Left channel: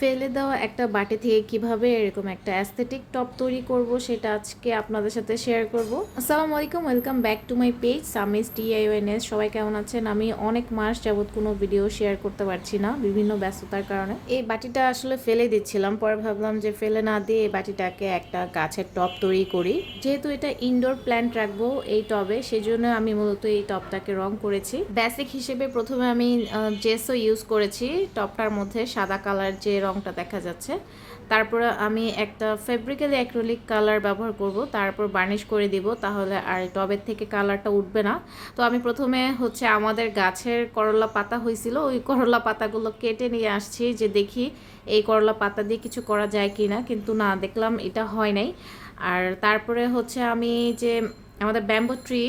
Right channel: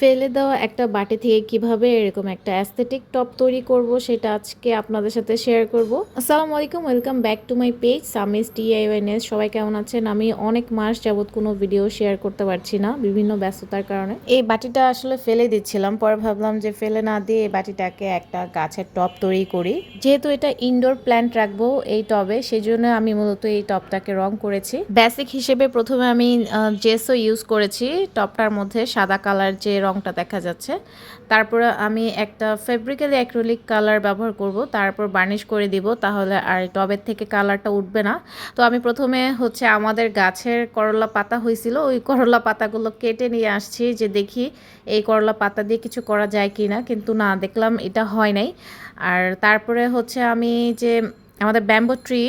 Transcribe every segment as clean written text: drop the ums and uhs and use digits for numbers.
ফেলে দেওয়া একটা বাটি থেকে কিভাবে এরকম একটা অ্যাস্থেটিক টপ তৈরি করব সেটা আজকে আপনাদের সাথে শেয়ার করব। আসসালামু আলাইকুম, welcome back to my page সামিস DIYNS। সবাই কেমন আছেন? আমি অনেক মাস যাবত কোনো ভিডিও শেয়ার করতে পারছি না বিভিন্ন ব্যস্ততার কারণে। এই বাটিটা আসলে ফেলে দিচ্ছিলাম, পরে ভাবলাম যে ফেলে না দিয়ে এই বাটিটাকে একটা গাছের টব তৈরি করি। যেহেতু এটা ইনডোর প্ল্যান্ট রাখবো এই টবে, সেই জন্য আমি মূলত এই টবটাকে রং করেছি। বেসিক হিসেবে প্রথমে আমি জেসও ইউজ করেছি টবটার মধ্যে, সাদা কালার যে রংটা দেখা যাচ্ছে। তারপরে আমি একটা ফেব্রিক্যালি অ্যাক্রিলিক কালার ব্যবহার করব, তারপর বার্নিশ করে দিব, তাহলে আর টবের থেকে কালারটা উঠবে না। তো আমি প্রথমে আমাদের গাছের করলা পাতা হয়েছিল, ওই করলা পাতাগুলো কেটে নিয়ে আসছি যে দেখি এই করলা পাতা দিয়ে কিছু করা যায় কি না, কিন্তু না, দেখলাম এটা হয় নাই। আর তারপরে আমি যে আমাদের ব্যাম্বো ট্রি,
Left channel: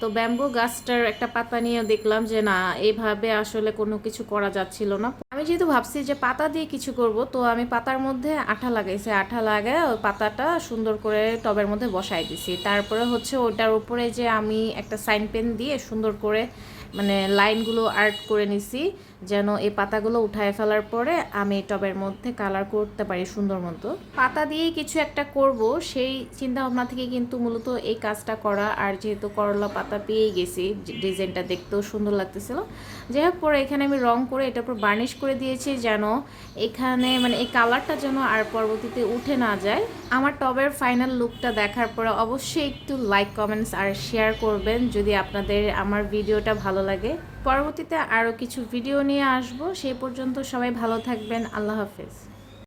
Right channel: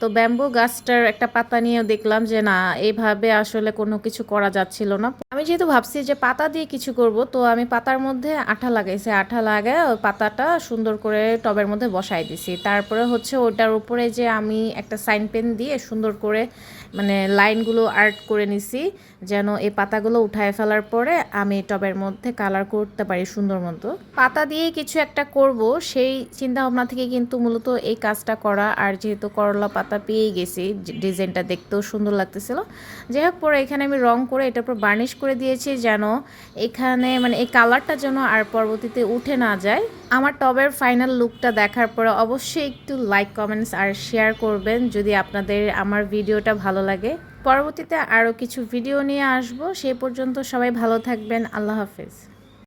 তো ব্যাম্বো গাছটার একটা পাতা নিয়ে দেখলাম যে না, এইভাবে আসলে কোনো কিছু করা যাচ্ছিল না। আমি যেহেতু ভাবছি যে পাতা দিয়ে কিছু করব, তো আমি পাতার মধ্যে আঠা লাগাইছি, আঠা লাগায় ওই পাতাটা সুন্দর করে টবের মধ্যে বসাই দিছি। তারপরে ওটার উপরে যে আমি একটা সাইন পেন দিয়ে সুন্দর করে লাইনগুলো আর্ট করে নিছি, যেন এই পাতাগুলো উঠায় ফেলার পরে আমি টবের মধ্যে কালার করতে পারি সুন্দর মতো। পাতা দিয়েই কিছু একটা করব সেই চিন্তা ভাবনা থেকে কিন্তু মূলত এই কাজটা করা। আর যেহেতু করলা পাতা পেয়ে গেছি, ডিজাইনটা দেখতেও সুন্দর লাগতেছিল। যাই হোক, পরে এখানে আমি রং করে এটার উপর বার্নিশ করে দিয়েছি, যেন এখানে এই কালারটা যেন আর পরবর্তীতে উঠে না যায়। আমার টবের ফাইনাল লুকটা দেখার পরে অবশ্যই একটু লাইক, কমেন্টস আর শেয়ার করবেন যদি আপনাদের আমার ভিডিওটা ভালো লাগে। পরবর্তীতে আরও কিছু ভিডিও নিয়ে আসবো, সেই পর্যন্ত সবাই ভালো থাকবেন। আল্লাহ হাফেজ।